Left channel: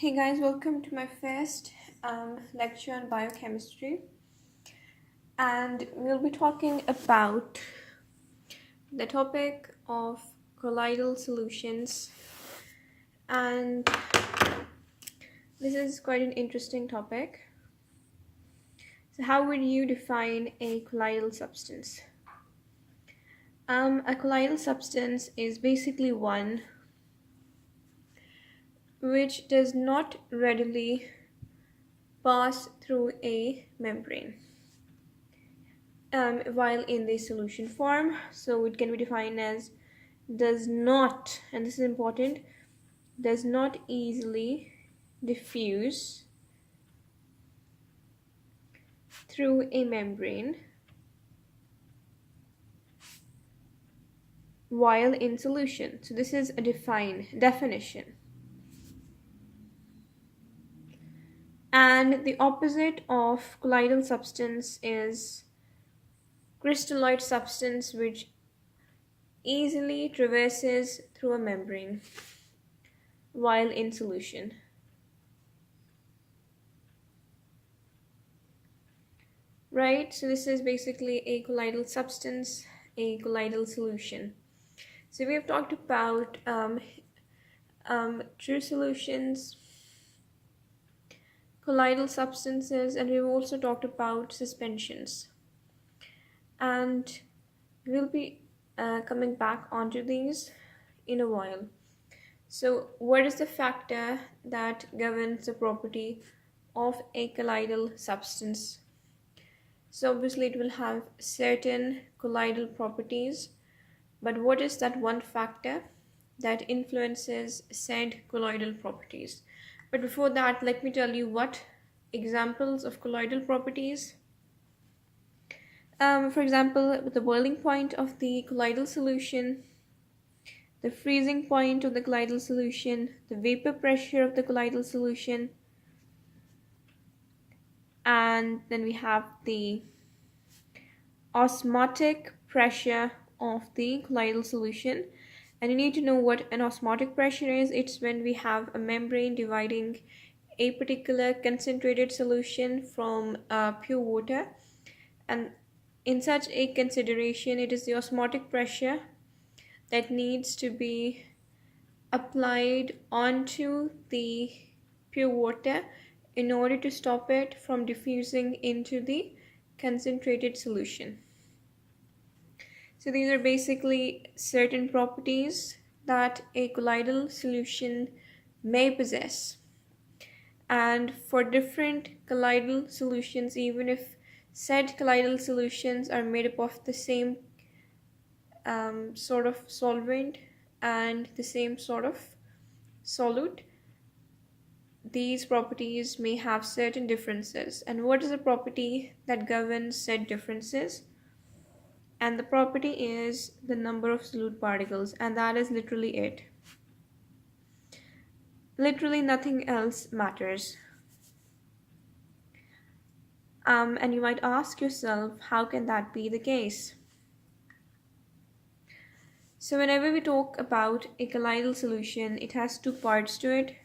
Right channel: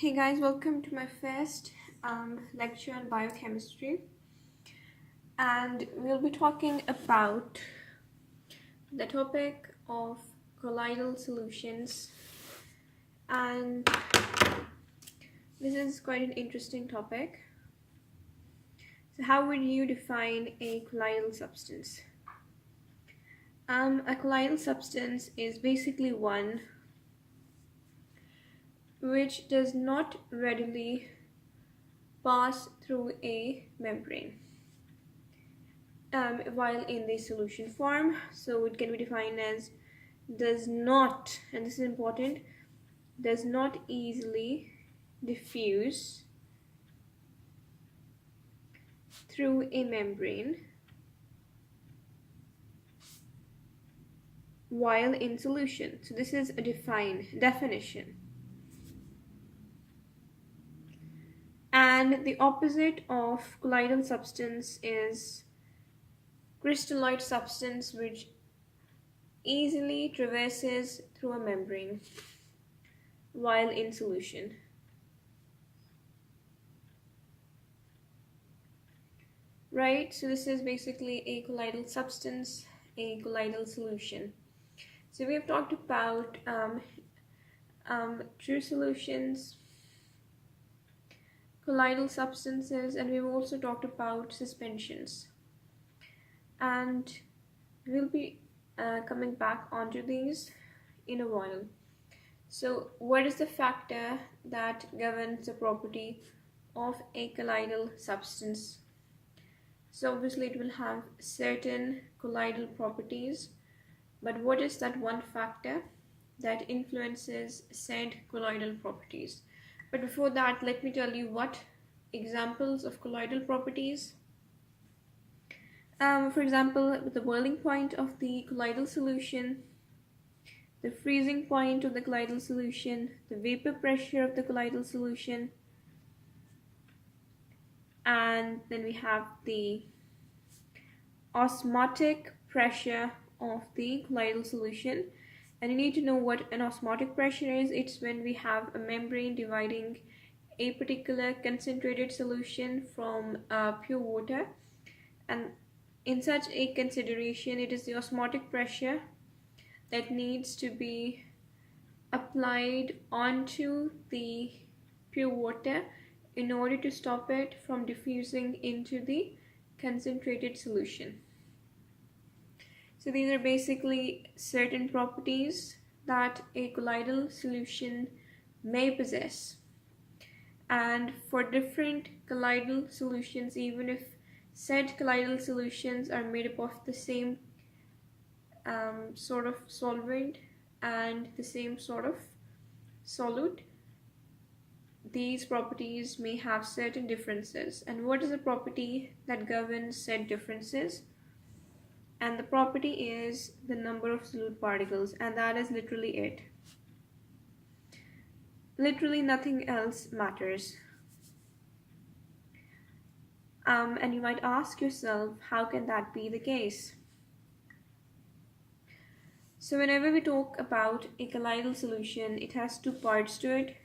Hey guys, welcome to my first lecture on biochemistry, and we'll be talking about the topic of colloidal solutions. And this is quite an interesting topic. So how would you define a colloidal substance? A colloidal substance is basically one which does not readily pass through a membrane while in the solution form. So it can be defined as does not, and this is important, does not easily diffuse through a membrane while in solution. So this is a definition. And the opposite of colloidal substance is crystalloid substance, which easily traverses through a membrane while in solution. Right, so this is basically a colloidal substance, a colloidal solution. So we have talked about true solutions, colloidal substances, and we've also talked about suspensions. And we'll be coming back onto these in a while. So what is the factor that governs the property of a colloidal substance? So obviously it will have certain colloidal properties, but what is that one factor that influences said colloidal properties? But before that, let me tell you what examples of colloidal properties. For example, the boiling point of the colloidal solution, the freezing point of the colloidal solution, the vapor pressure of the colloidal solution, and then we have the osmotic pressure of the colloidal solution. And you need to know what an osmotic pressure is. It's when we have a membrane dividing a particular concentrated solution from pure water, and in such a consideration, it is the osmotic pressure that needs to be applied onto the pure water in order to stop it from diffusing into the concentrated solution. So these are basically certain properties that a colloidal solution may possess. And for different colloidal solutions, even if said colloidal solutions are made up of the same sort of solvent and the same sort of solute, these properties may have certain differences. And what is the property that governs said differences? And the property is the number of solute particles, and that is literally it. Literally nothing else matters. And you might ask yourself, how can that be the case? So whenever we talk about a colloidal solution, it has two parts to it.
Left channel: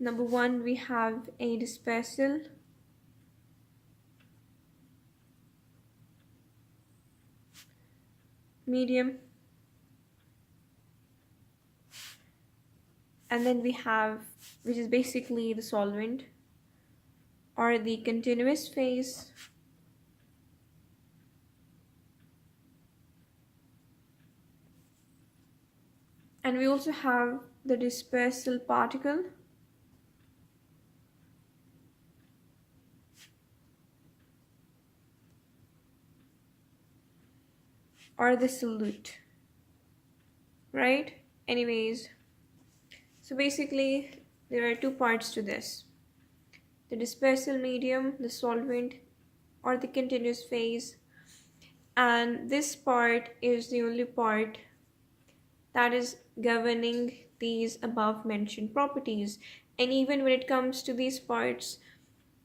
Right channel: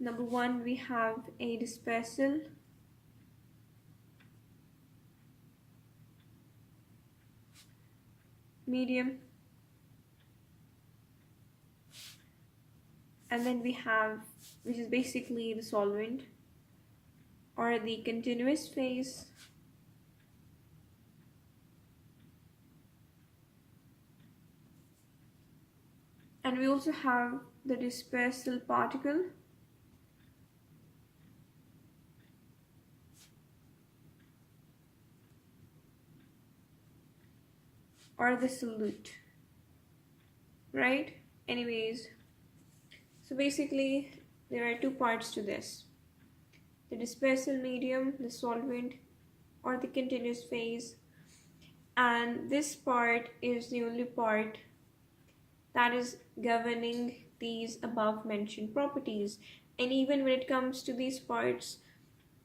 Number one, we have a dispersal medium, and then we have, which is basically the solvent or the continuous phase, and we also have the dispersal particle, or the solute, right? Anyways, so basically there are two parts to this: the dispersal medium, the solvent, or the continuous phase. And this part is the only part that is governing these above mentioned properties. And even when it comes to these parts,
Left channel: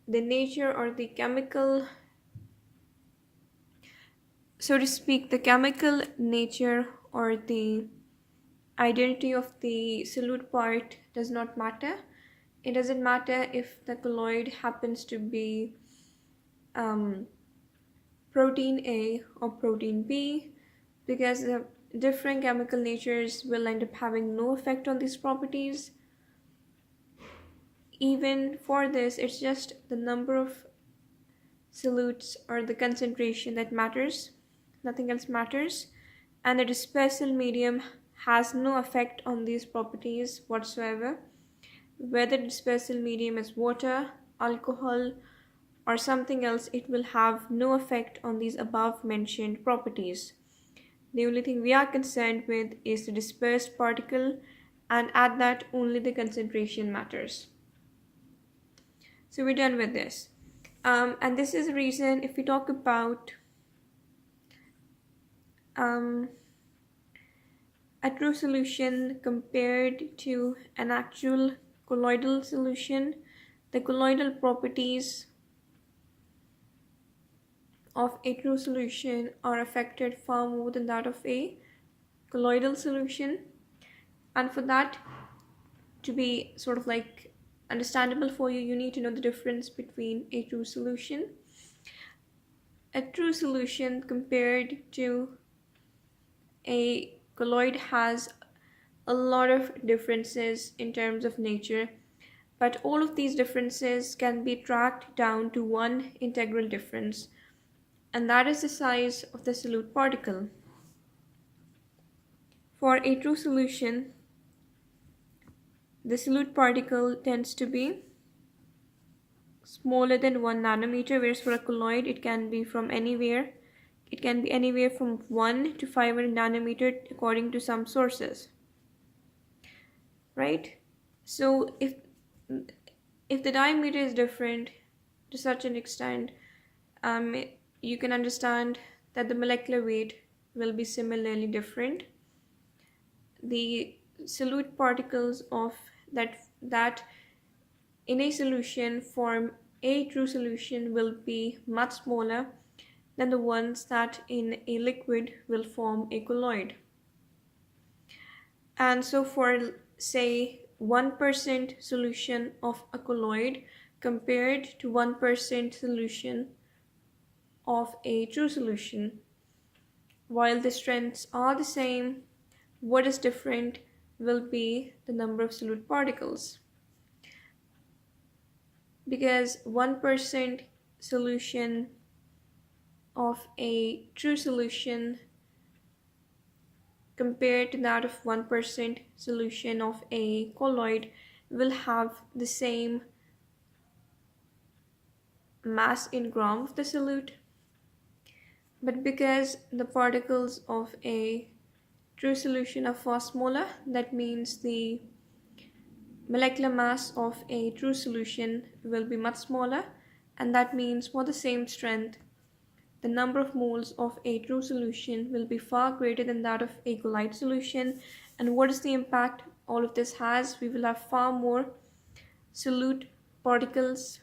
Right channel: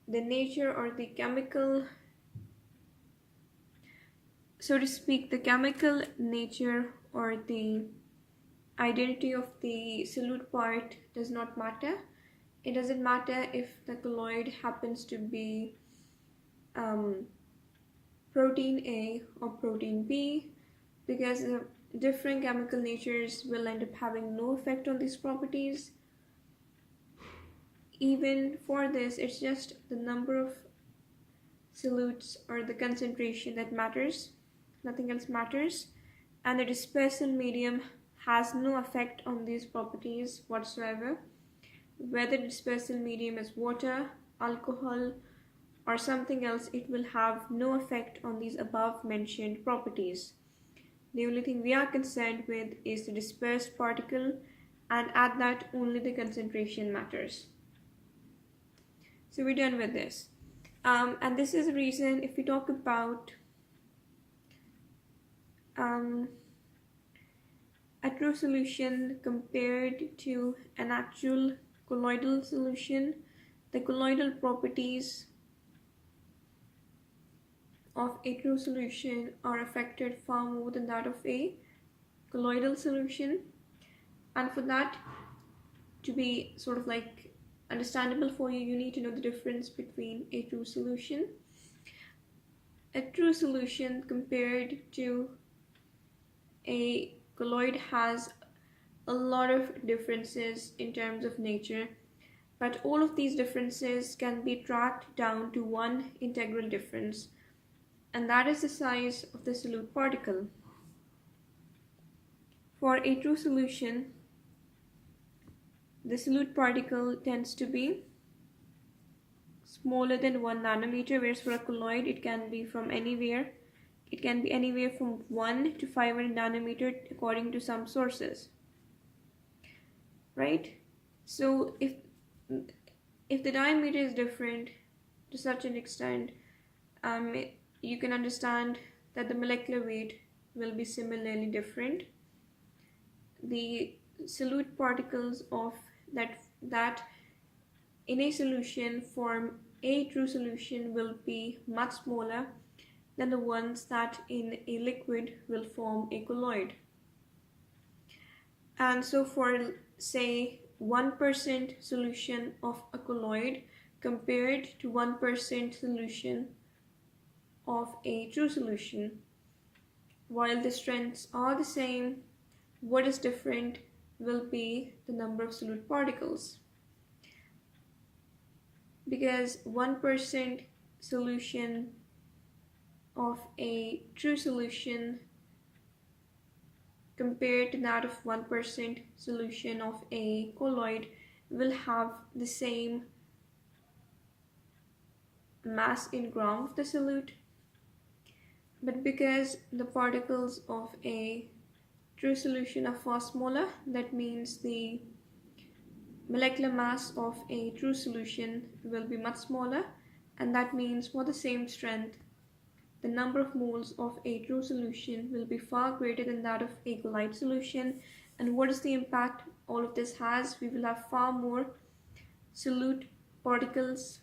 the nature or the chemical, so to speak, the chemical nature or the identity of the solute part does not matter. It doesn't matter if the colloid happens to be protein A or protein B, because the different chemical natures will end up having no effect on these properties. Even for this, it's just the number of solutes or the concentration that matters, nothing else matters, and the dispersal medium has no effect on these properties whatsoever. Whether dispersal medium is water, alcohol, or something else, it will have no effect on these above mentioned properties. The only thing we are concerned with is the dispersed particle, and at that only the concentration matters. So we're done with this. And this is the reason if we talk about a true solution compared to an actual colloidal solution, the colloidal properties of a true solution are affected far more than that of a colloidal solution. And for that to be sort of like understandable for you, you need to know the difference between a true solution. A true solution compared to a colloid has a lot of differences in terms of nature, but all of these differences can be tracked down to one integral difference, and that is the size of the solute particle. For a true solution, the solute particle tends to be smaller than 1 nanometer, whereas for a colloid it can be anywhere from 1 to 500 nanometer according to some sources, right? So if the diameter is different to such an extent, you can understand that the molecular weight will be similarly different. The solute particles of that in a solution form a true solution will be much smaller than the ones that in a liquid will form a colloid. And so for say 1% solution of a colloid compared to 1% solution of a true solution, while the strengths are the same, what is different will be the number of solute particles. Because 1% solution of a true solution compared to that of 1% solution of a colloid will have the same mass in gram of the solute. But because the particles of a true solution are far smaller, that means the molecular mass of a true solution will be much smaller, and that means for the same strength, the number of moles of a true solution will be far greater than that of a colloid solution. And what is the impact all of this has? We will have far more solute particles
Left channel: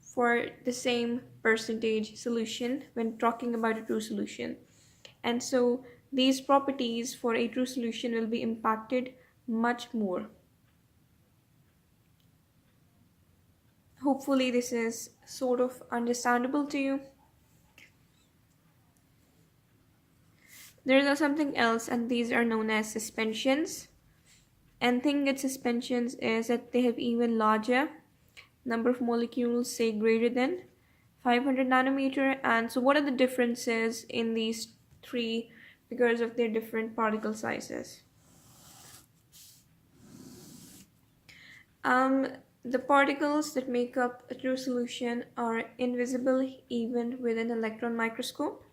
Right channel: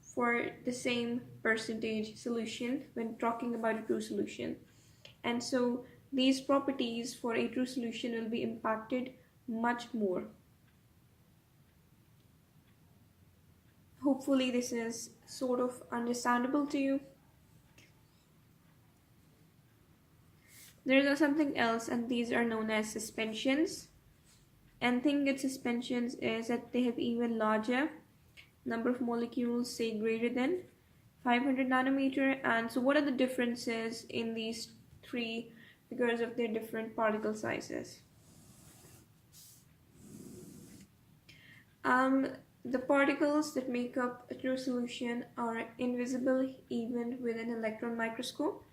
for the same percentage solution when talking about a true solution. And so these properties for a true solution will be impacted much more. Hopefully this is sort of understandable to you. There is something else, and these are known as suspensions. And thing with suspensions is that they have even larger number of molecules, say greater than 500 nanometer. And so what are the differences in these three because of their different particle sizes? The particles that make up a true solution are invisible even with an electron microscope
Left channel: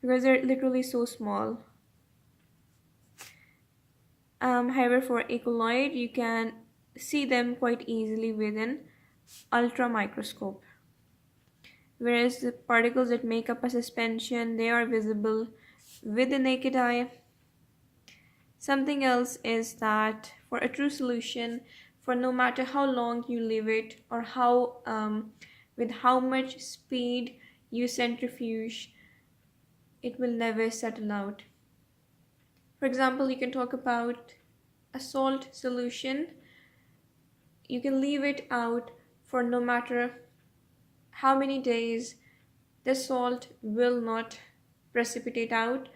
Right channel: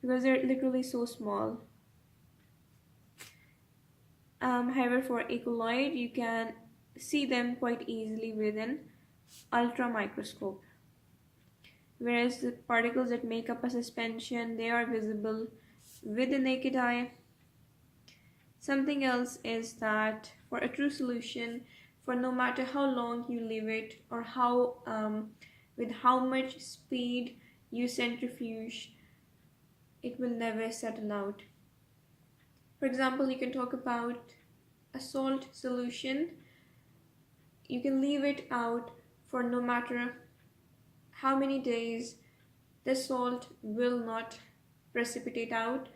because they're literally so small. However, for a colloid, you can see them quite easily with an ultra microscope. Whereas the particles that make up a suspension, they are visible with the naked eye. Something else is that for a true solution, for no matter how long you leave it or with how much speed you centrifuge, it will never settle out. For example, you can talk about a salt solution. You can leave it out for no matter how many days, the salt will not precipitate out.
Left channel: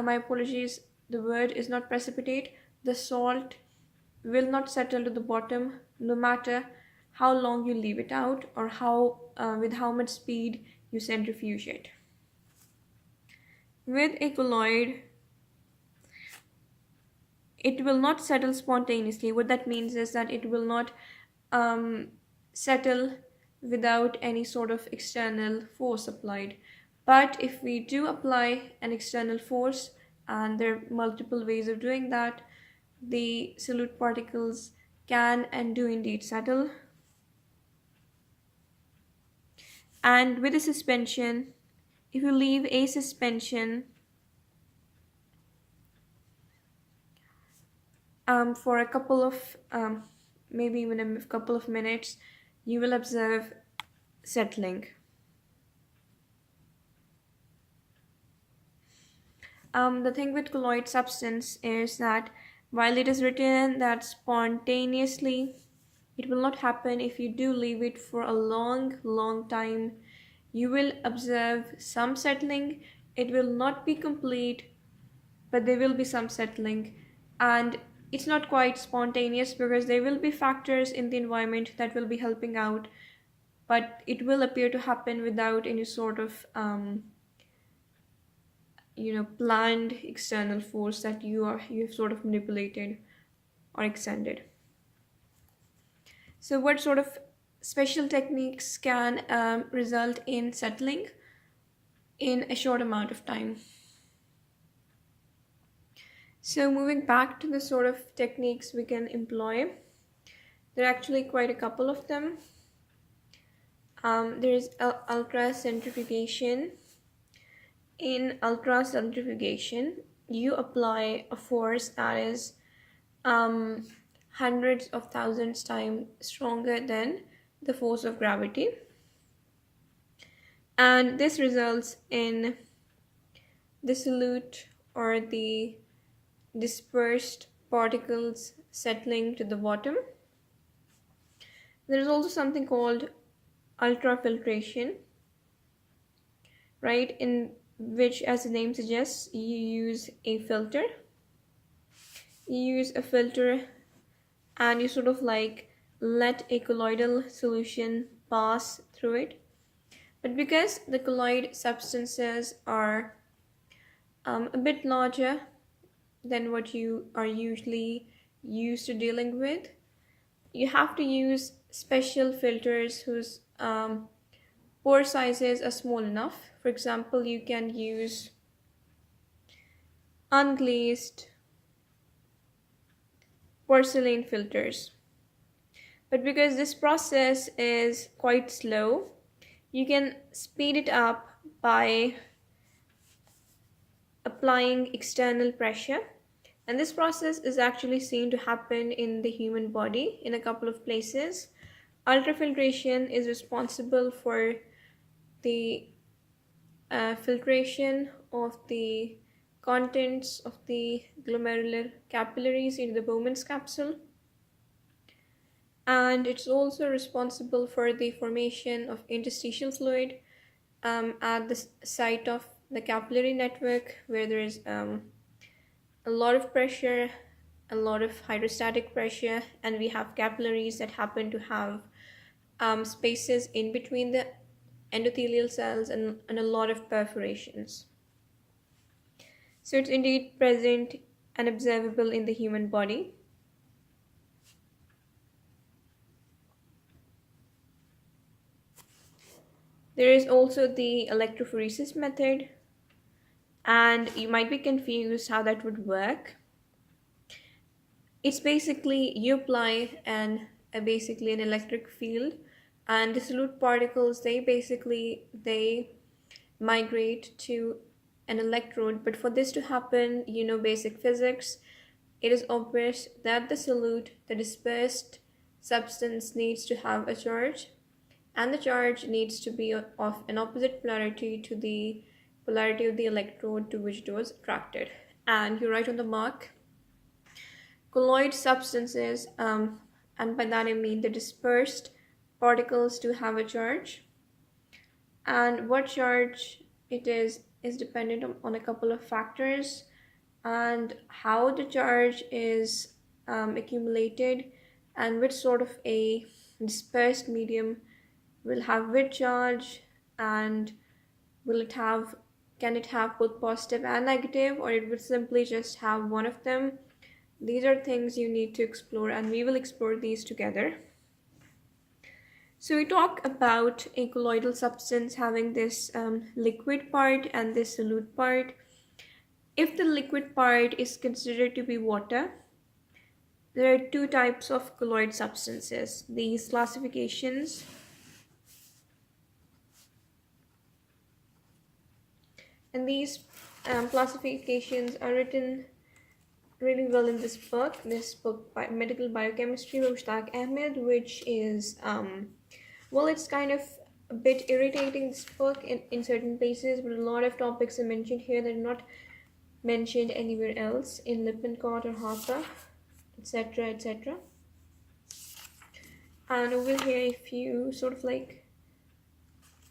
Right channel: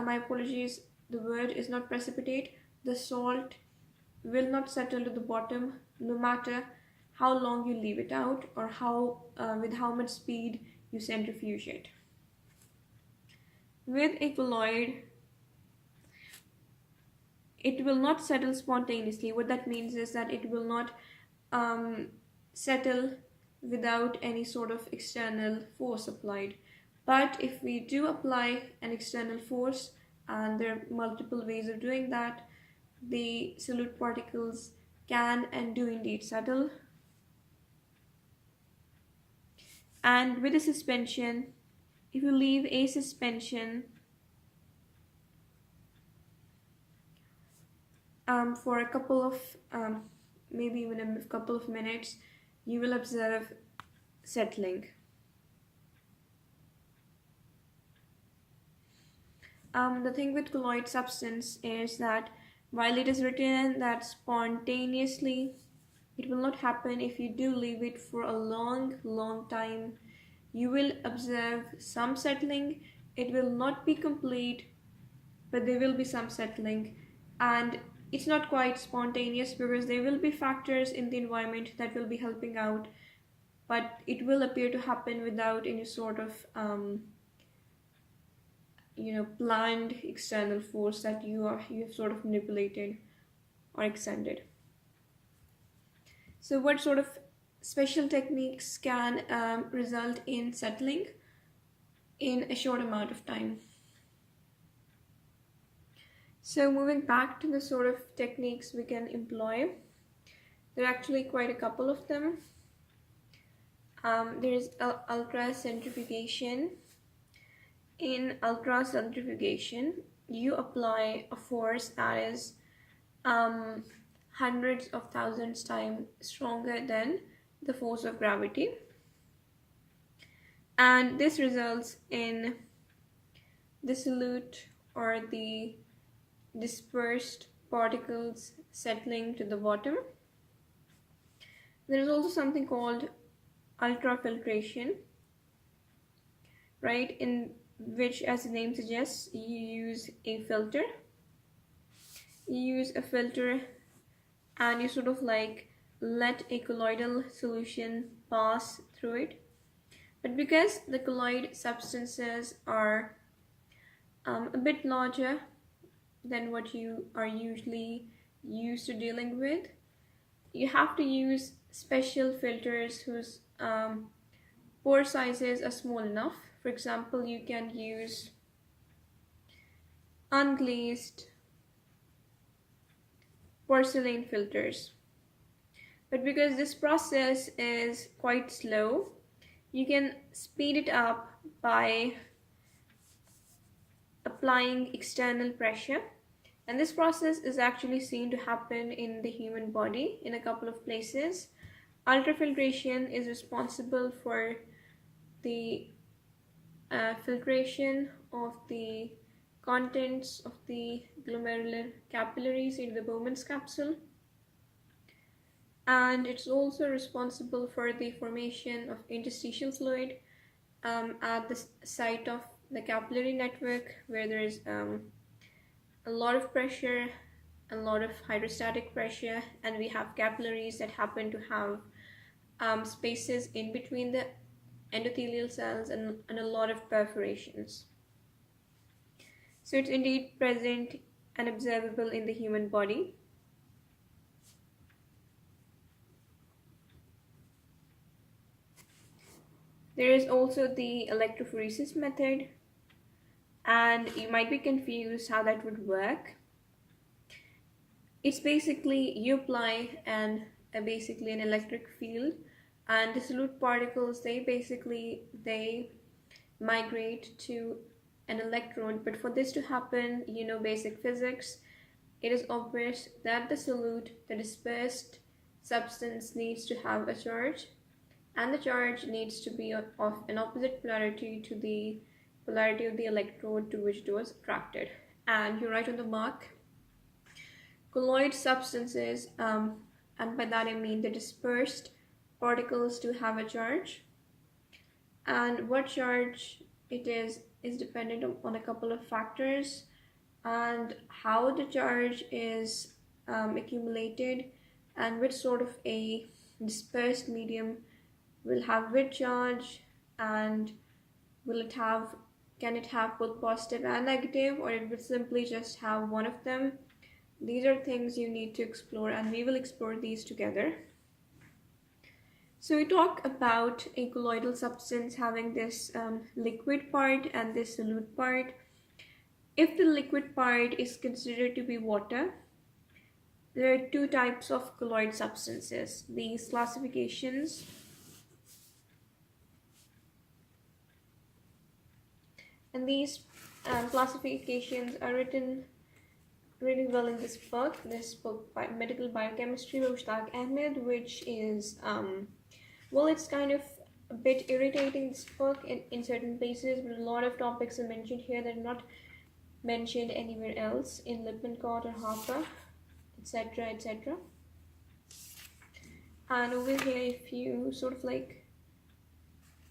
My apologies, the word is not precipitate. The salt will not settle to the bottom no matter how long you leave it out or with how much speed you centrifuge it. With a colloid, it will not settle spontaneously. What that means is that it will not settle without any sort of external force applied. But if we do apply an external force, and there are multiple ways of doing that, the solute particles can and do indeed settle. And with a suspension, if you leave a suspension for a couple of maybe even a couple of minutes, you will observe settling. The thing with colloid substance is that while it is written that spontaneously, it will not happen. If you do leave it for a long time, you will observe some settling. It will not be complete, but there will be some settling. And it's not quite spontaneous because there will be factors in the environment that will be helping out, but it will appear to happen without any sort of planned external force that you have sort of manipulated or extended. So what sort of special techniques can result in settling in a short amount of time? So moving back to the sort of techniques we can employ, there are actually quite a couple of them. There is ultracentrifugation. In ultracentrifugation, you apply a force that is hundreds of thousands times stronger than the force of gravity, and this results in the solute or the dispersed particles settling to the bottom. There is also something called ultrafiltration, right, in which, as the name suggests, you use a filter. You use a filter and you sort of like let a colloidal solution pass through it. But because the colloid substances are a bit larger than what you are usually used to dealing with, you have to use special filters whose pore sizes are small enough. For example, you can use unglazed porcelain filters. But because this process is quite slow, you can speed it up by applying external pressure. And this process is actually seen to happen in the human body in a couple of places. Ultrafiltration is responsible for the filtration of the contents of the glomerular capillaries into the Bowman's capsule, and it's also responsible for the formation of interstitial fluid at the site of the capillary network, where there is a lot of pressure, a lot of hydrostatic pressure, and we have capillaries that happen to have spaces in between the endothelial cells and a lot of perforations. So it's indeed present and observable in the human body. There is also the electrophoresis method, and you might be confused how that would work. It's basically you apply basically an electric field, and the solute particles they migrate to an electrode. But for this to happen, basic physics, it is obvious that the solute, the dispersed substance, needs to have a charge, and the charge needs to be of an opposite polarity to the polarity of the electrode to which it was attracted. and you're right on the mark. Colloid substances, and by that I mean the dispersed particles, do have a charge, and what charge it is dependent on a couple of factors, and how the charge is accumulated, and which sort of a dispersed medium will have which charge, and will it have can it have both positive and negative, or it would simply just have one of them. These are things you need to explore, and we will explore these together. So we talk about a colloidal substance having this liquid part and this solute part. If the liquid part is considered to be water, there are two types of colloid substances. These classifications classifications are written really well in this book by Medical Biochemistry by Mushtaq, which is it's kind of a bit irritating, this book, in certain places, but a lot of topics are mentioned here that are not mentioned anywhere else in Lippincott or Harper, etc., etc. And over here, if you sort of like,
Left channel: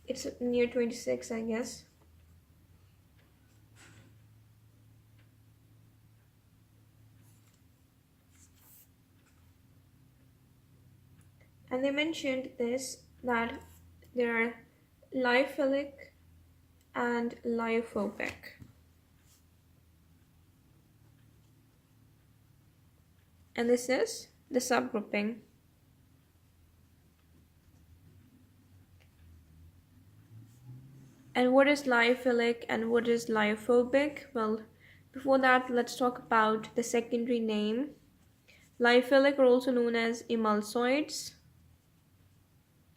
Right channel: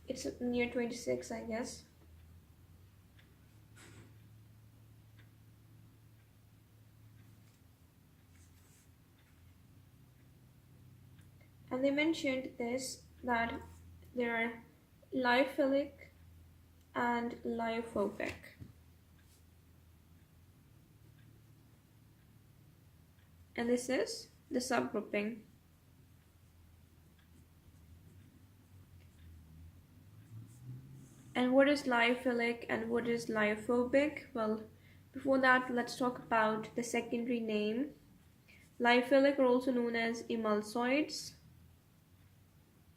it's near 26, I guess. And they mentioned this, that there are lyophilic and lyophobic. And this is the subgrouping. And what is lyophilic and what is lyophobic? Well, before that, let's talk about the secondary name. Lyophilic are also known as emulsoids,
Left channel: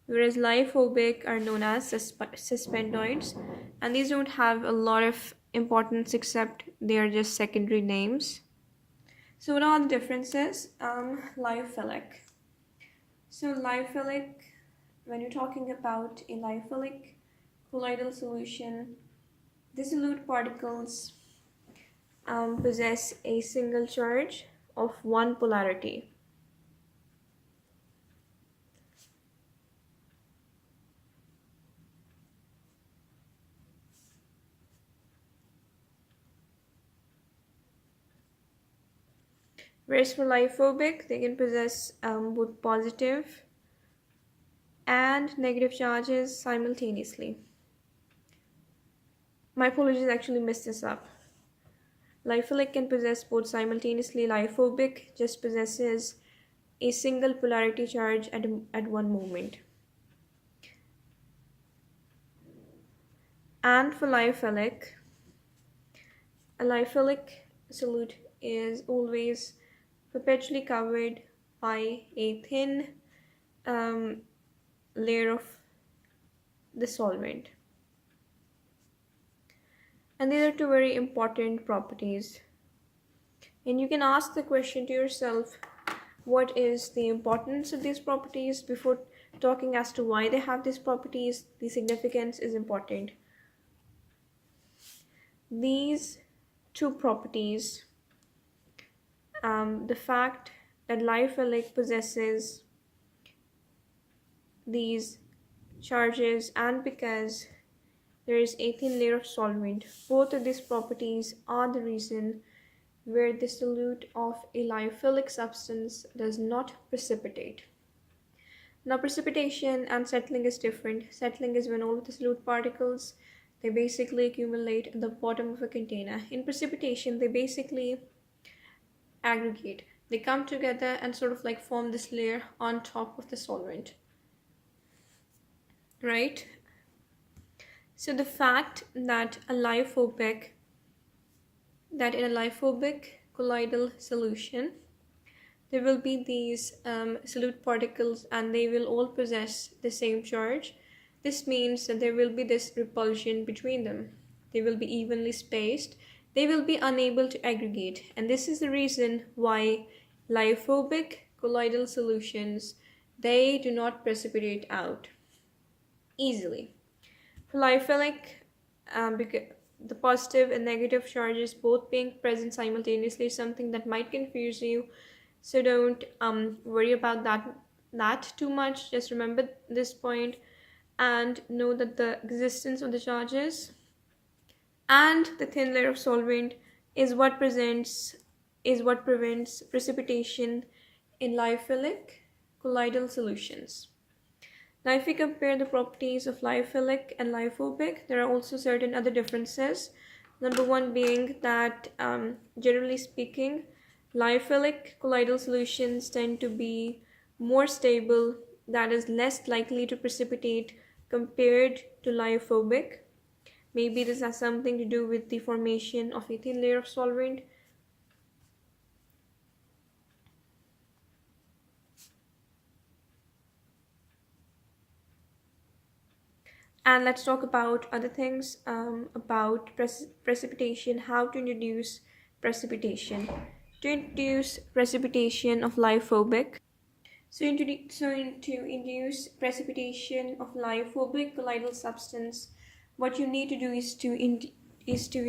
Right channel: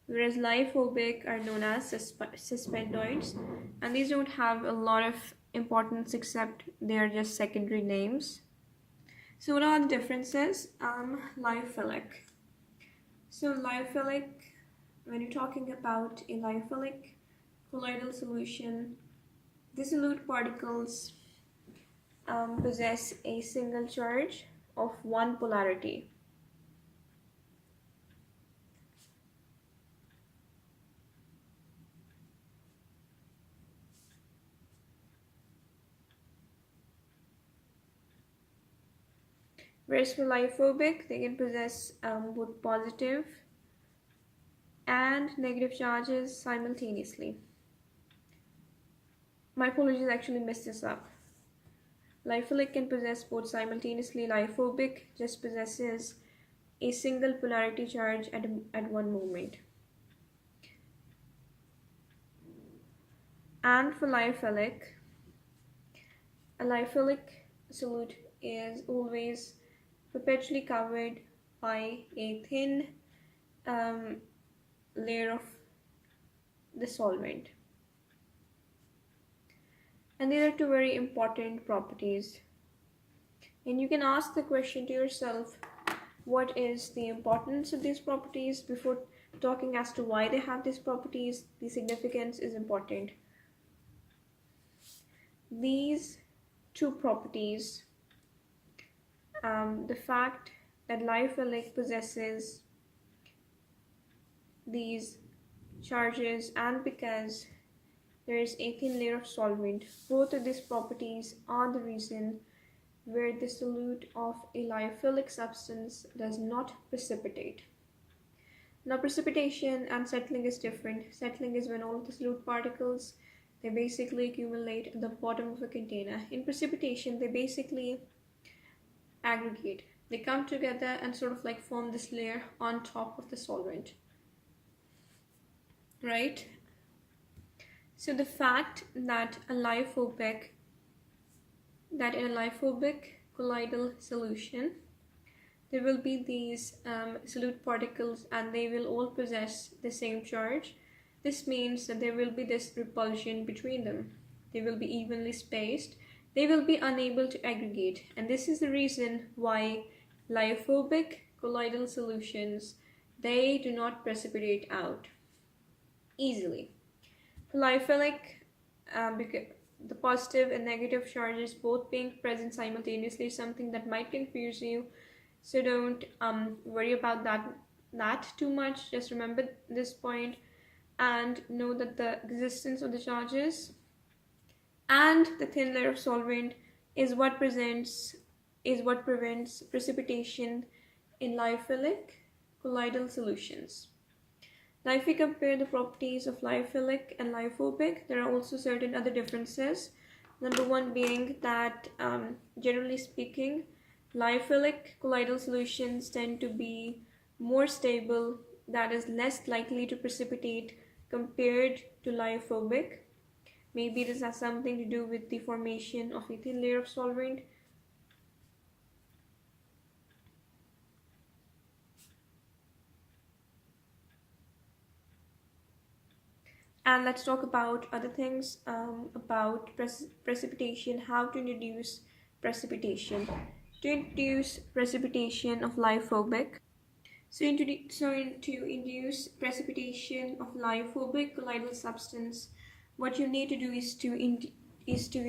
whereas lyophobic are known as suspendoids, and these don't have a lot of importance except they are just secondary names. So what are the differences? Lyophilic. So lyophilic, when you're talking about a lyophilic colloidal solution, the solute particles possess a single charge of one polarity. Whereas for lyophobic, they can possess both positive and negative charges simultaneously. My apologies, I actually messed this up. Lyophilic can possess both simultaneously. Lyophobic just possesses a single polarity charge at one moment. And for lyophilic, a lyophilic solute is always perpetually covered by a thin layer of the solvent. And these are two very important properties. And you can ask the question to yourself, what is the importance of these properties? Before talking as to why they have these properties, the significance is important. These two properties, the fact that lyophilic possesses these charges, and because there is a thin layer of solvent, both of these properties are the reason where the solute of a lyophilic substance does not precipitate. Now, precipitation and settling is different. Settling is when all of the solute particles, they basically accumulate at the bottom of a container. In precipitation, they basically aggregate. They come together and sort of like form this layer on top of the solvent, right? So the fact that in a lyophobic colloidal solution, there will be these solute particles and they will all possess the same charge. This means that there will be this repulsion between them. They will be evenly spaced. They will be unable to aggregate. And this is the reason why lyophobic colloidal solutions, they do not precipitate out easily. For lyophilic, the positive and negative charges both being present simultaneously is something that might confuse you. So don't worry about that too much. Just remember this point and know that the existence of the charges and the thin layer of solvent is what prevents precipitation in lyophilic colloidal solutions. Now, if we compare the properties of lyophilic and lyophobic, there are also certain other differences. Number one being that, generally speaking, lyophilic colloidal solutions tend to be more stable, that is, less likely to precipitate compared to lyophobic. Maybe this has something to do with the formation of a thin layer of solvent. And let's talk about other things, about precipitation, how to introduce precipitation. To introduce precipitation of lyophobic, to induce precipitation of lyophobic colloidal substance, what you need to do is to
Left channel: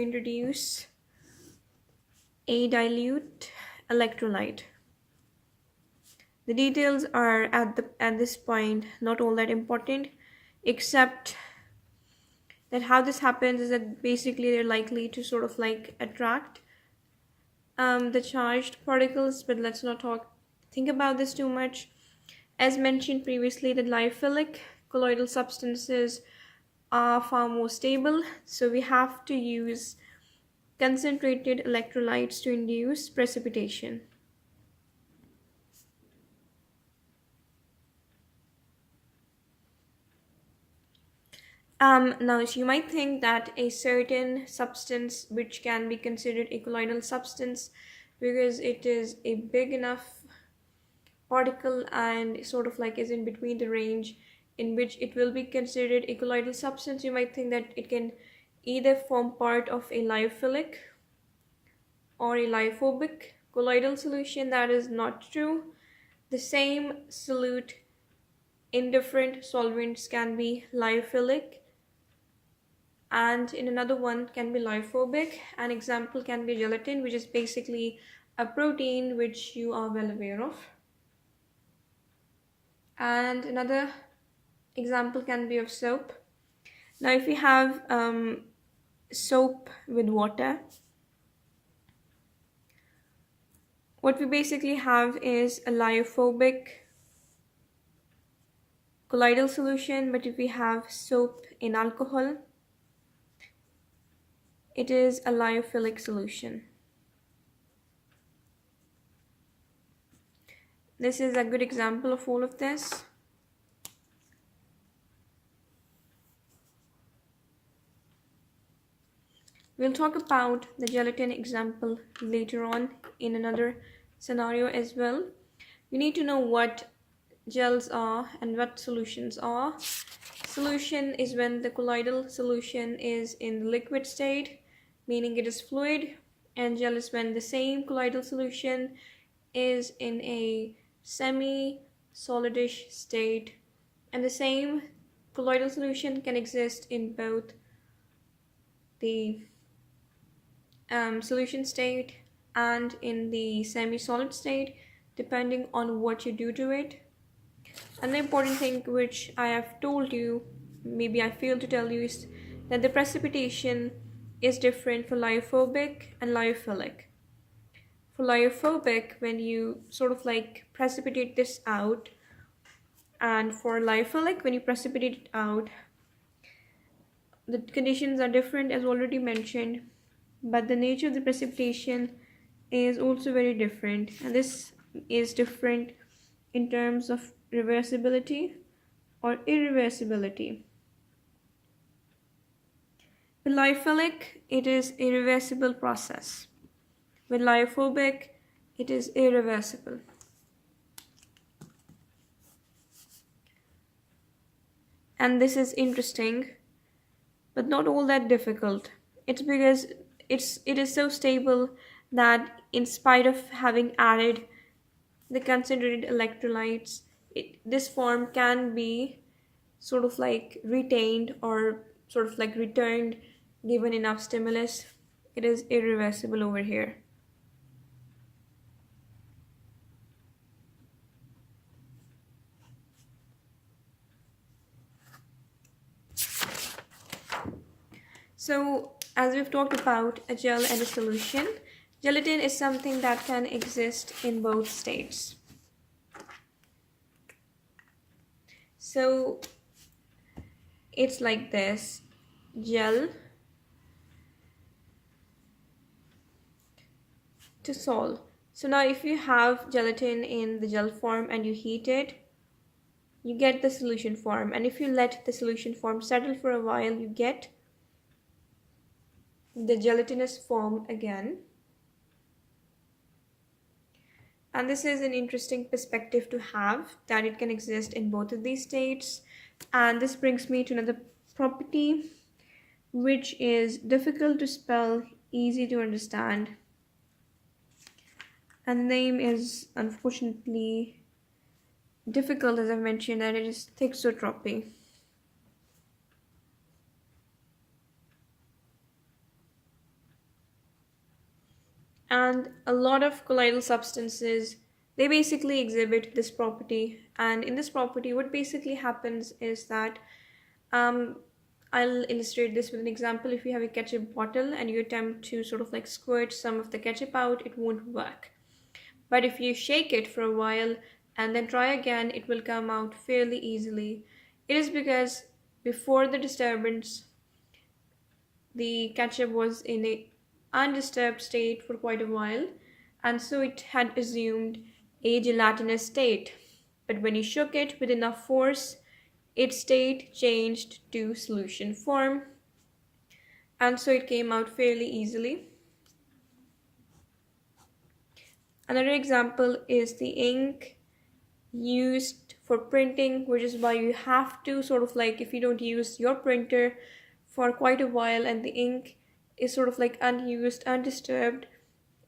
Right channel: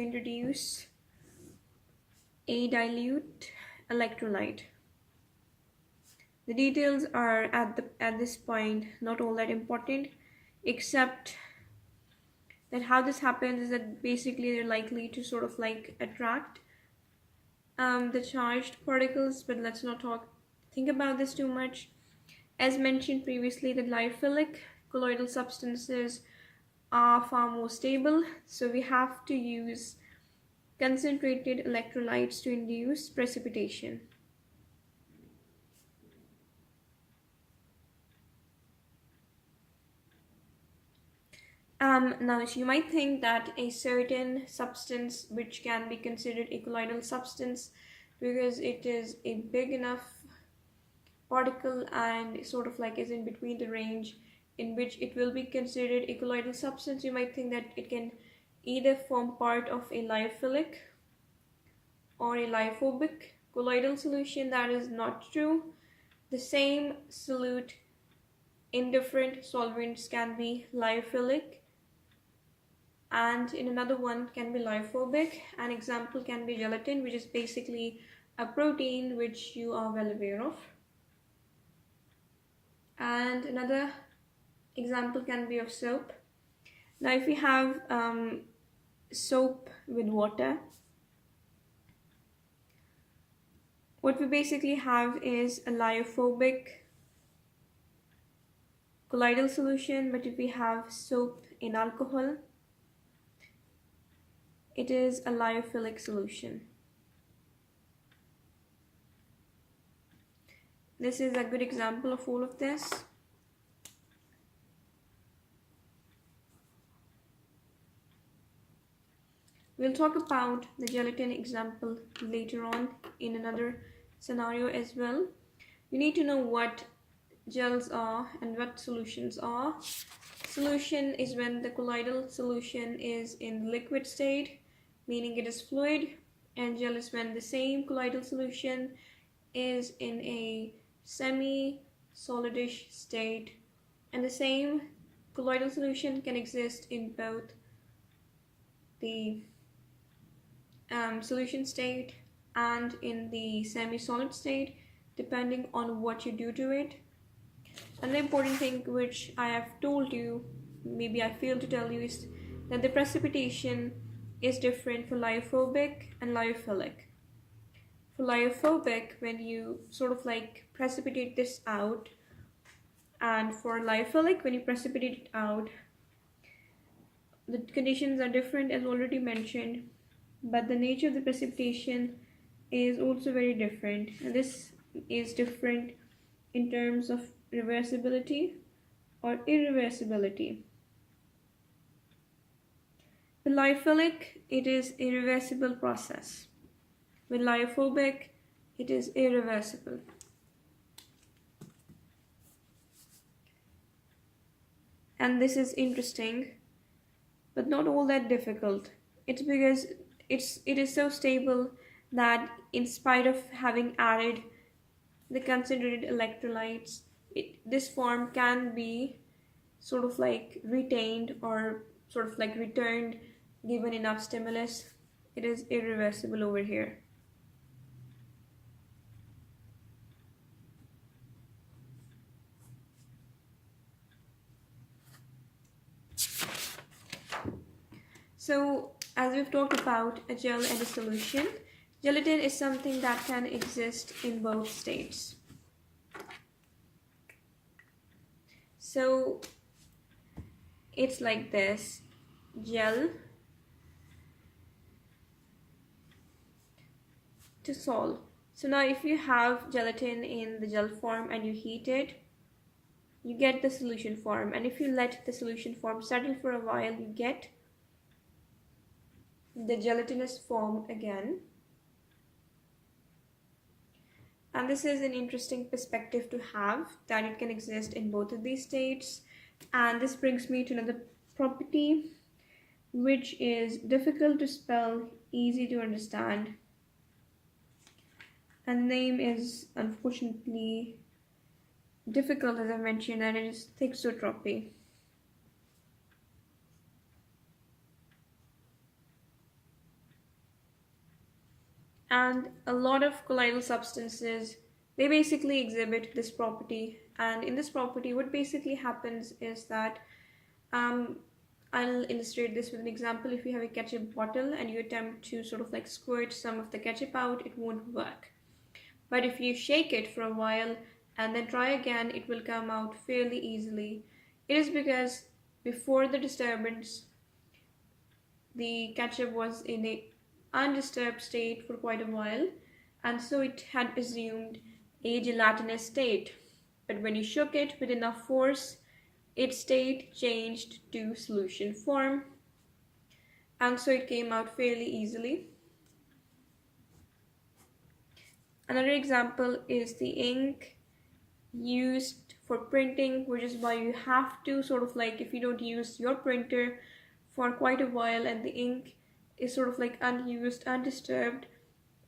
introduce a dilute electrolyte. The details are at this point not all that important, except that how this happens is that basically they're likely to sort of like attract the charged particles, but let's not think about this too much. As mentioned previously, the lyophilic colloidal substances are far more stable, so we have to use concentrated electrolytes to induce precipitation. Now, so you might think that a certain substance which can be considered a colloidal substance because it is a big enough particle and sort of like is in between the range in which it will be considered a colloidal substance, you might think that it can either form part of a lyophilic or a lyophobic colloidal solution. That is not true. The same solute in different solvents can be lyophilic and in another one can be lyophobic. An example can be gelatin, which is basically a protein which you are well aware of. And another example can be of soap. Now, if we have soap with water, what we basically have is a lyophobic colloidal solution, but if we have soap in alcohol, it is a lyophilic solution. This is a good example of all of this. We'll talk about the gelatin example later on in another scenario as well. You need to know what gels are and what solutions are. Solution is when the colloidal solution is in liquid state, meaning it is fluid, and gel is when the same colloidal solution is in a semi-solidish state, and the same colloidal solution can exist in both the solution state and in the semi-solid state, depending on what you do to it. Another important thing which I have told you, maybe I failed to tell you, is that the precipitation is different for lyophobic and lyophilic. For lyophobic, when you sort of like precipitate this out, and for lyophilic, when you precipitate it out, the conditions are different as already mentioned, but the nature of the precipitation is also very different, and this is different in terms of reversibility or irreversibility. With lyophilic, it is a reversible process. With lyophobic, it is irreversible. And this is interesting, but not all that difficult. It's because it is so stable that in spite of having added the concentrated electrolytes, this form can be sort of like retained or sort of like returned given enough stimulus, it is irreversible over here. So, as we've talked about a gel and a solution, gelatin is something that can exist in both states. So, it's like this: gel to sol. So now if you have gelatin in the gel form and you heat it, you get the solution form. And if you let the solution form settle for a while, you get the gelatinous form again. And this is an interesting perspective to have, that it can exist in both of these states. And this brings me to another property, which is difficult to spell, easy to understand. And the name is unfortunately difficult, as I mentioned, and it is thixotropy. And a lot of colloidal substances, they basically exhibit this property. And in this property, what basically happens is that I'll illustrate this with an example. If you have a ketchup bottle and you attempt to sort of like squirt some of the ketchup out, it won't work. But if you shake it for a while and then try again, it will come out fairly easily. It is because before the disturbance, the ketchup was in a undisturbed state for quite a while, and so it had assumed a gelatinous state. But when you shook it with enough force, its state changed to solution form, and so it came out fairly easily. Another example is the ink used for printing, which is why you have to sort of like, if you don't use your printer for quite a while and the ink is sort of like unused, undisturbed,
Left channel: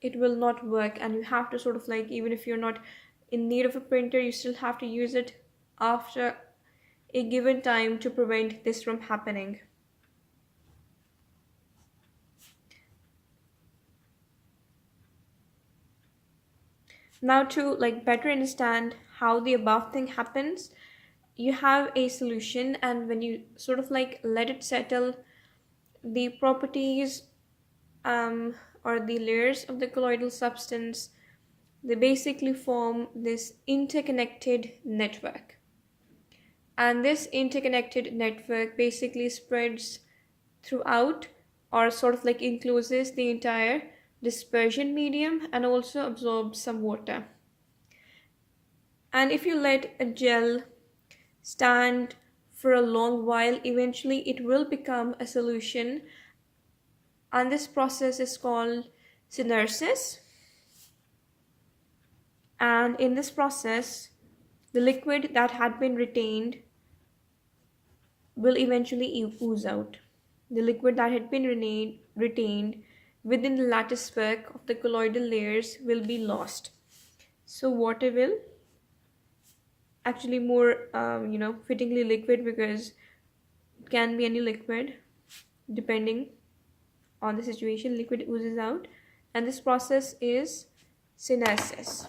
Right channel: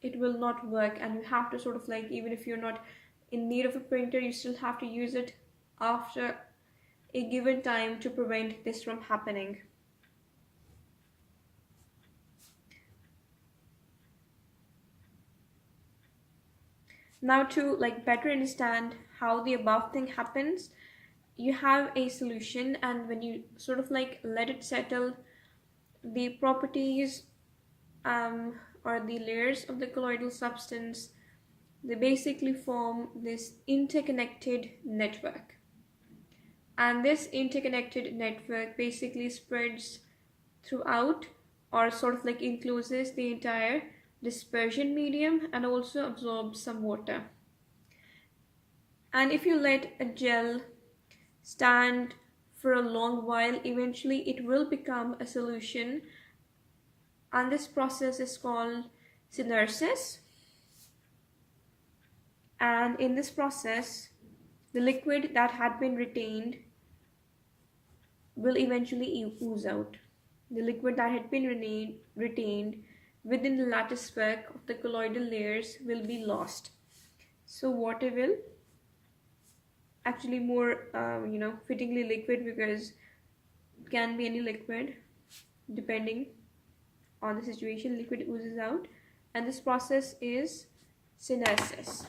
it will not work. And you have to sort of like, even if you're not in need of a printer, you still have to use it after a given time to prevent this from happening. Now, to like better understand how the above thing happens, you have a solution, and when you sort of like let it settle, the properties or the layers of the colloidal substance, they basically form this interconnected network. And this interconnected network basically spreads throughout, or sort of like encloses the entire dispersion medium and also absorbs some water. And if you let a gel stand for a long while, eventually it will become a solution, and this process is called synersis. And in this process, the liquid that had been retained will eventually ooze out. The liquid that had been retained within the lattice work of the colloidal layers will be lost. So water will, actually more fittingly liquid, because it can be any liquid depending on the situation, liquid oozes out, and this process is synersis.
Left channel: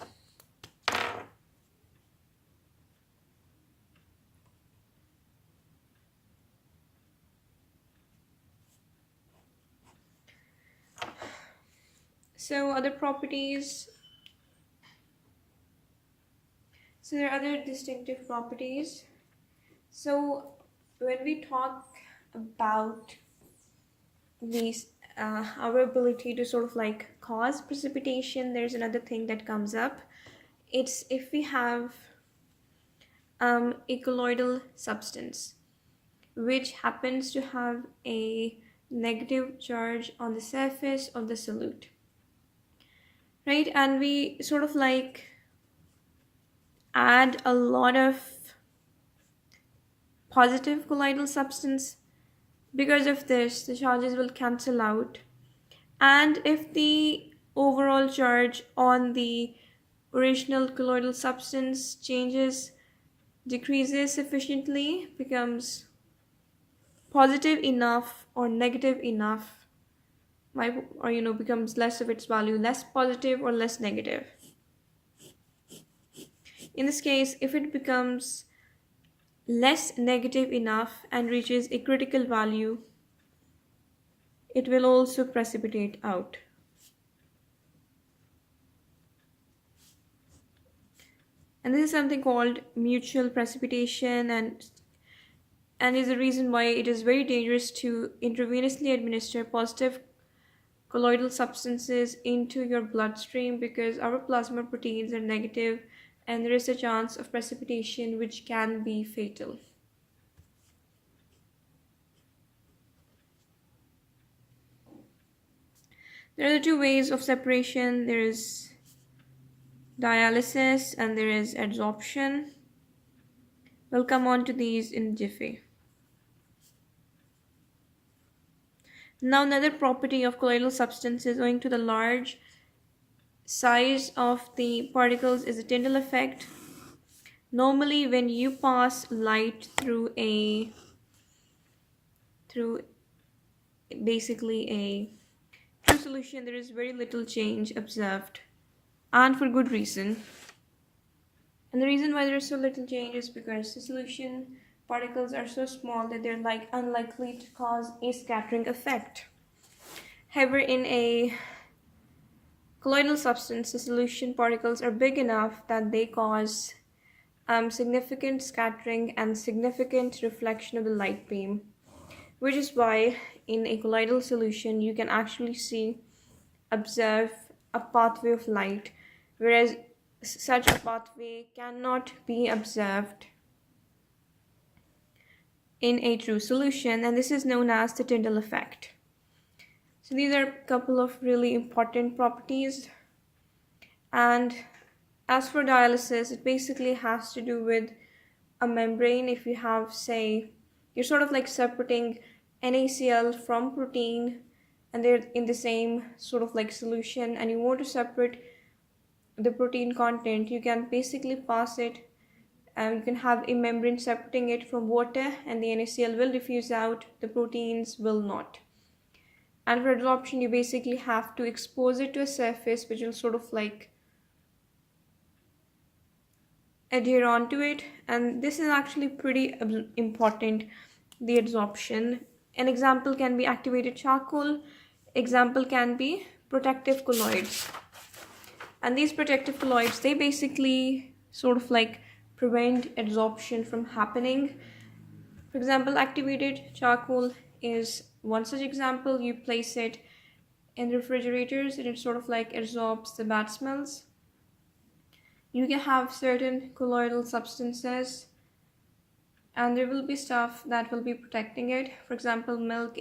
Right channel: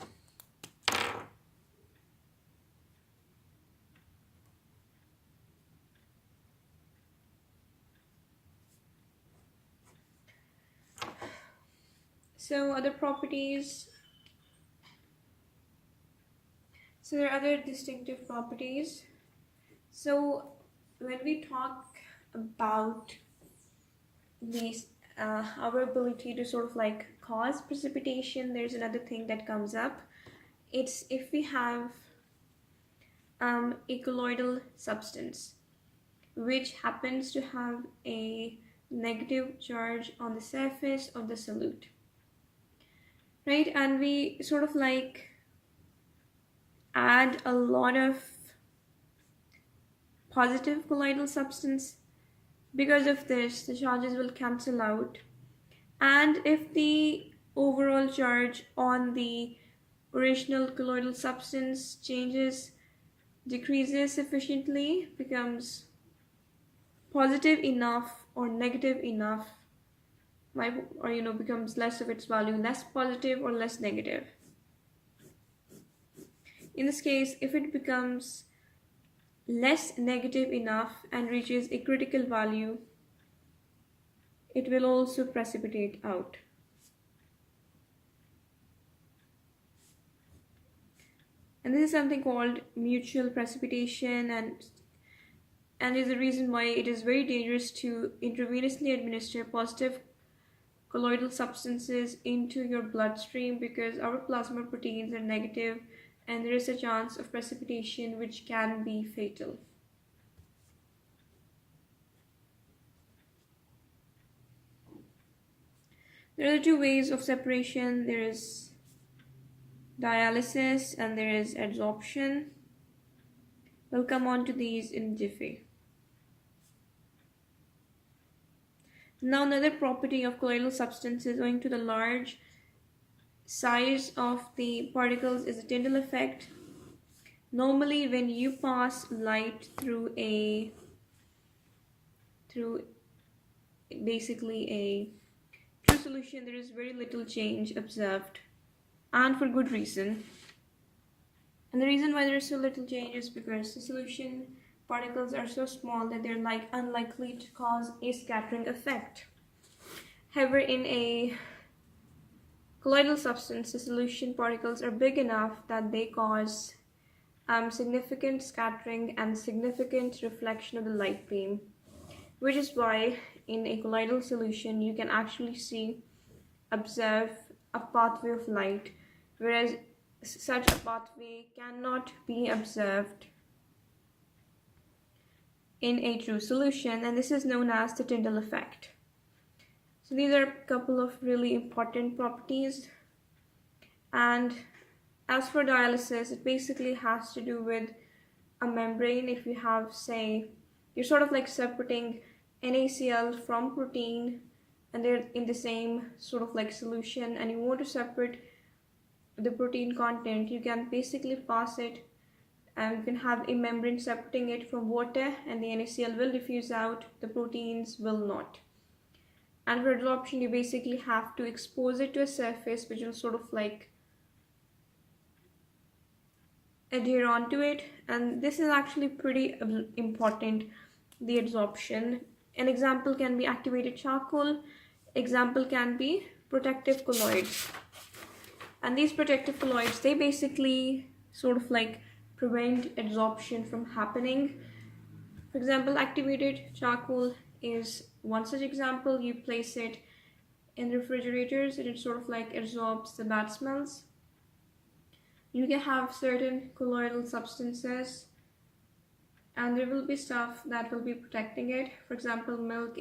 So other properties, so there are other distinctive properties. So when we talk about these our ability to sort of like cause precipitation, there's another thing that comes up. It's if we have a colloidal substance which happens to have a negative charge on the surface of the solute, right? And we sort of like add a lot of positive colloidal substance. Because of this, the charges will cancel out, and if the overall charge on the original colloidal substance decreases sufficiently, becomes positive enough or negative enough, becomes less of its value, less positive or less negative. In this case, if it becomes less negative enough and reaches a critical value, it will also precipitate out. And this is something called mutual precipitation, and is the reason why it is very dangerous to intravenously administer positive colloidal substances into your bloodstream, because our plasma proteins are negative and there is a chance of precipitation which can be fatal. There are two ways of separation. There is dialysis and there is adsorption. We'll come on to these in a jiffy. Now, another property of colloidal substances, owing to the large size of the particles, is the Tyndall effect. Normally, when you pass light through basically a true solution, there is very little change observed, and for good reason. And the reason why there is so little change is because the solution particles are so small that they're unlikely to cause a scattering effect. However, in a colloidal substance, the solution particles are big enough that they cause significant scattering and significant reflection of the light beam, which is why in a colloidal solution you can actually observe a pathway of light, whereas such a pathway cannot be observed in a true solution, and this is known as the Tyndall effect. So these are a couple of really important properties. And as for dialysis, it basically has to do with a membrane. If you have, say, you're sort of like separating NaCl from protein and they're in the same sort of like solution, and you want to separate the protein content, you can basically pass it, and you can have a membrane separating it from water, and the NaCl will diffuse out, the proteins will not. And for adsorption, you basically have to expose it to a surface which will sort of like adhere onto it, and this is actually pretty important, the adsorption. An example can be activated charcoal, example can be protective colloids. And these protective colloids, they basically sort of like prevent adsorption from happening. For example, activated charcoal is one such example. You place it in refrigerators and it sort of like absorbs the bad smells. You can have certain colloidal substances and there will be stuff that will be protecting it. For example, milk